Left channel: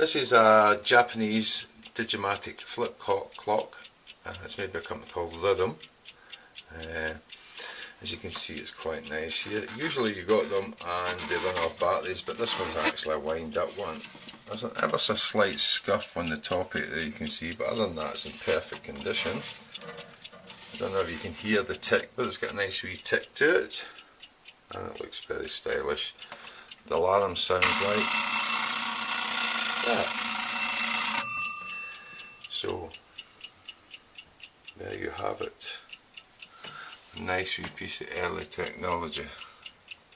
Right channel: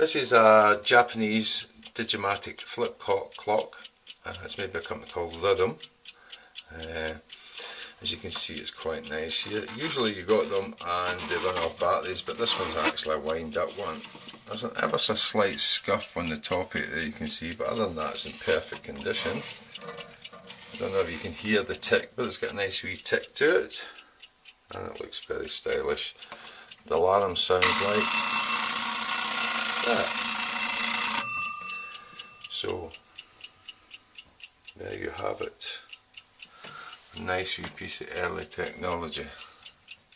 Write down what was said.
This is a Japanese digamatic flip clock. It's made by a company called Rhythm. As you can see, it's quite nice here. Usually you got them and they run off batteries, but this one's actually a wind up one. There's an ever so slight scuff on the top of it that you can see, but other than that it's in perfect condition. I don't know if you can hear the tick, but it's got a nice wee tick to it, and it looks very stylish. The alarm sounds like that. So there you have it. Nice wee piece of early technology.